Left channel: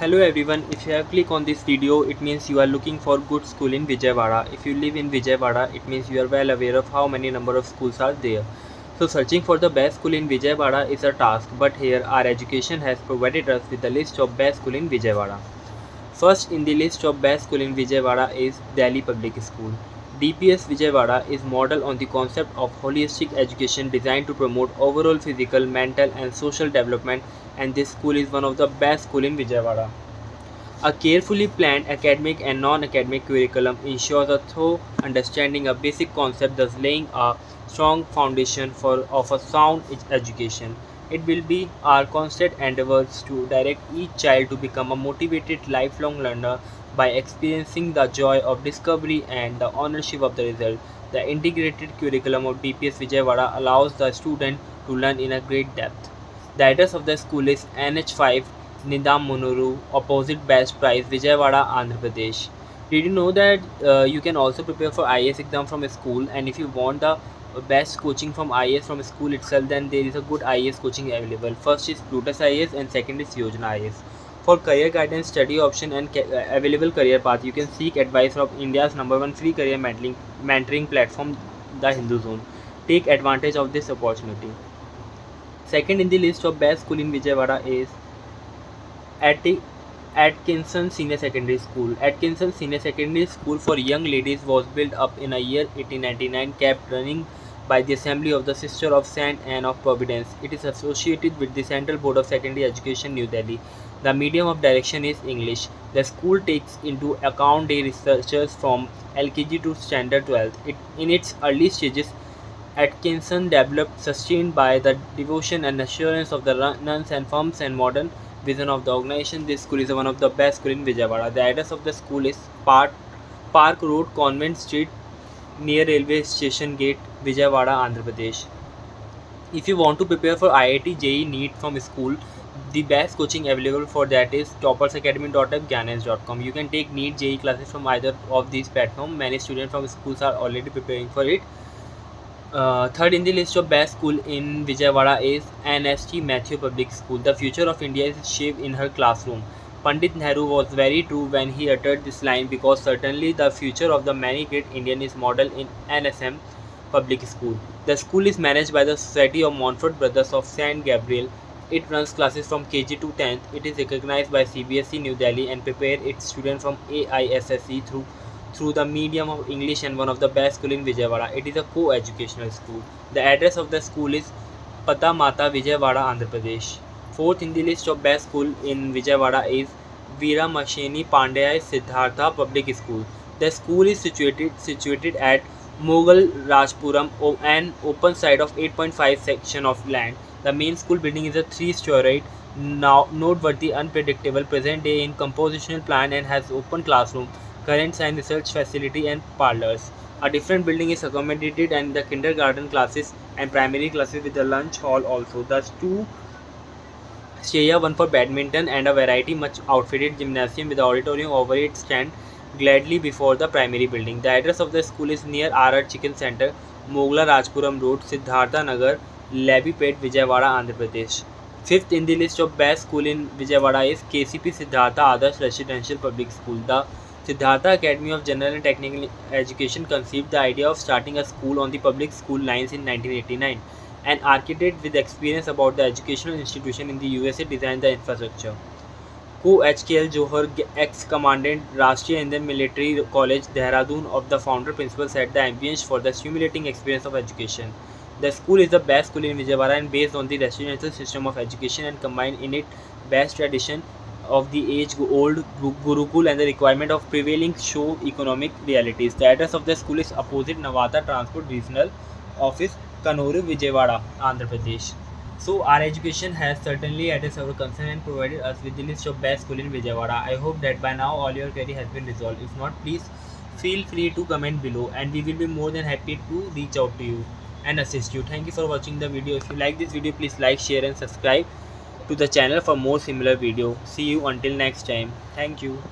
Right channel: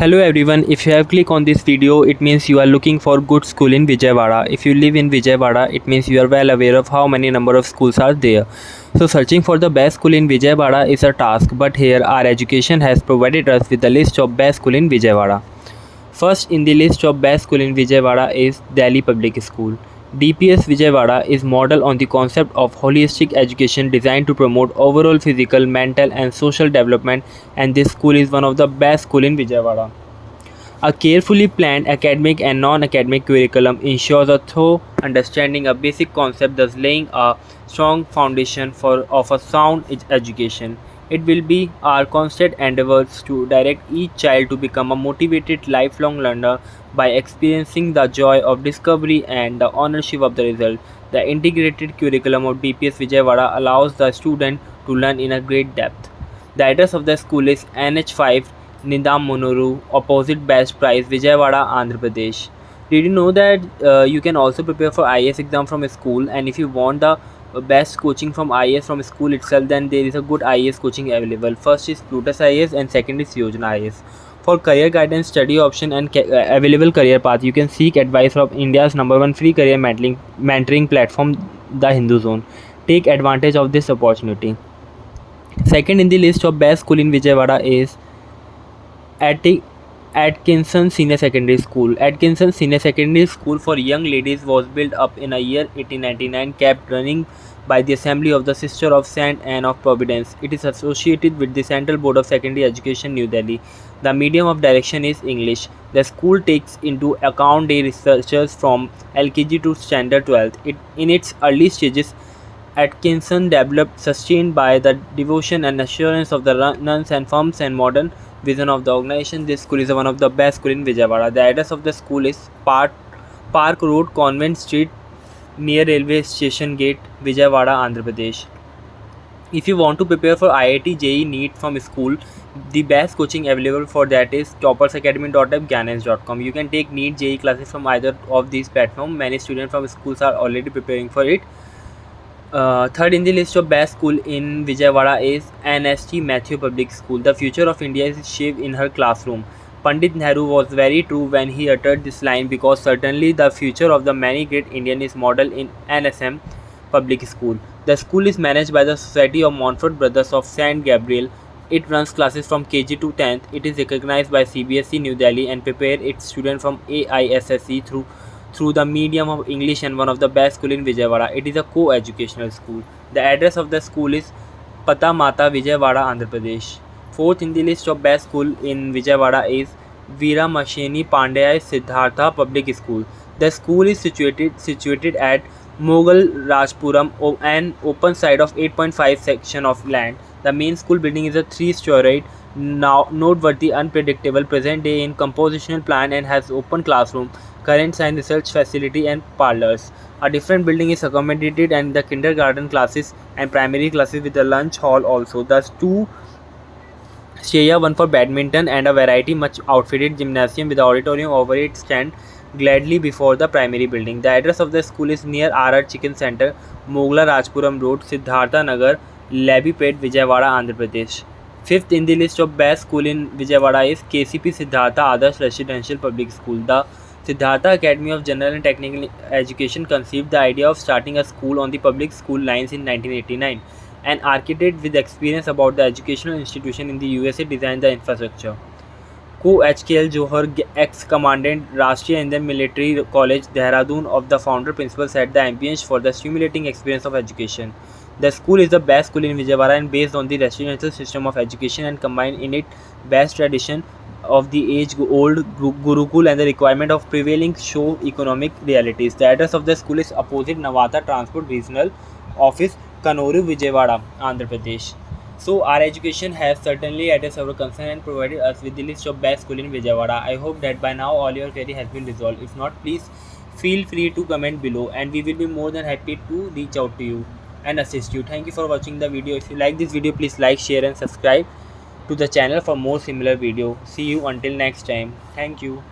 Hello everyone, if you have clicked on this video, it means you are looking for good school in Vijayawada. If you live in Vijayawada, it means you are well aware of how many number of schools are there. So searching for the best school in Vijayawada is a task, but here our education has provided us with the list of best school in Vijayawada. First in the list of best school in Vijayawada is Delhi Public School. DPS Vijayawada is modeled on the concept of holistic education designed to promote overall physical, mental and social development, and this school is one of the best school in Vijayawada. A carefully planned academic and non-academic curriculum ensures a thorough understanding of basic concepts, thus laying a strong foundation of a sound education. It will be our constant endeavors to direct each child to become a motivated lifelong learner by experiencing the joy of discovery and the ownership of the result. The integrated curriculum of DPS Vijayawada allows the student to learn in a great depth. The address of the school is NH5 Nidam Monoru, opposite Best Price, Vijayawada, Andhra Pradesh. Did you know that you can also prepare for IAS exam from a school, and if you want the best coaching from IAS from school itself, then there is a good IAS coaching available. First is Plutus IAS and second is Yojana IAS. For career guidance, study option and available career path, you can seek advice from India's #1 free career mentoring platform, The Hindu Zone. Take advantage of this opportunity. Second in the list of best school in Vijayawada is Atkinson Senior Secondary School. Atkinson Senior Secondary School for young ladies was built up in a year 1899, kept running by the Assembly of the Sister of Saint Anne of Providence. It is associated with the Central Board of Secondary Education, New Delhi. The medium of direction is English. The school takes into account the researchers from LKG to Standard 12th. In its early stages, Atkinson developed, sustained by the devotion and assurance of the nuns and firms and modern vision of the organization. This school is one of the best schools in Vijayawada. The address of the school is Park Road, Convent Street, near Railway Station Gate, Vijayawada, Andhra Pradesh. If you want to prepare for IIT JEE NEET from school, the best coaching available for that is toppersacademy.app, Gyanance.com. You can take NEET JEE classes from either of these platforms. Many students from schools are already preparing for it. Third in the list of best school in Vijayawada is NST Matthew Public School. The future of India is shaped in her classroom. Pandit Nehru was very true when he uttered this line, because certainly the future of the many great Indian is modeled in NSM Public School. The school is managed by the Society of Montfort Brothers of St. Gabriel. It runs classes from KG to 10th. It is recognized by CBSE New Delhi and prepares its students from AISSE through the medium of English, and one of the best school in Vijayawada. It is a co-educational school. The address of the school is Pata Mata, Vijayawada, Andhra Pradesh. Fourth in the list of best school in Vijayawada is Veera Masheni Pandey Siddhartha Public School. The school is situated at Mughal Rajpuram, an open site of 8.5 section of land. The main school building is a 3-storied, now noteworthy, unpredictable, present day in compositional plan, and has open classroom, current science research facility and parlors. A different building is accommodated and the kindergarten classes and primary classes with a lunch hall also. Thus two Shreya, one for badminton, and a variety much outfitted gymnasium with auditorium over it stand gladly before the primary building. The address of the school is near RR Chicken Center, Mogla Rajpuram Road, Siddhartha Nagar, Labipet, Vijayawada, Andhra Pradesh. Fifth in the list of best school in Vijayawada is KCP Siddhartha Adarsh Residential Public School. The Siddhartha Academy of General and Technical Education conceived the idea of starting a school on the public school lines in 1989. An architect with experience about the educational institution in the USA designed the infrastructure. Co-HKL Johar, ex-commandant Rashtriya Indian Military College, Dehradun, of the founder principal, set the ambience for the stimulating experience of education. The school is the best school in Vijayawada and based on the residential system of education and combined in it best tradition of the age-old Gurukul and the requirement of prevailing socio-economic realities. The address of the school is opposite Navata Transport Regional Office, Kanoru, Vijayawada, Andhra Pradesh. So our education has certainly addressed our concern and provided us with the list of best school in Vijayawada. I hope that by now all your query has been resolved. If not, please feel free to comment below and we will be more than happy to reach out to you and assist you. Thank you for watching the video. If you like this video, please like, share and subscribe to the channel for more similar video. See you until next time. Thank you.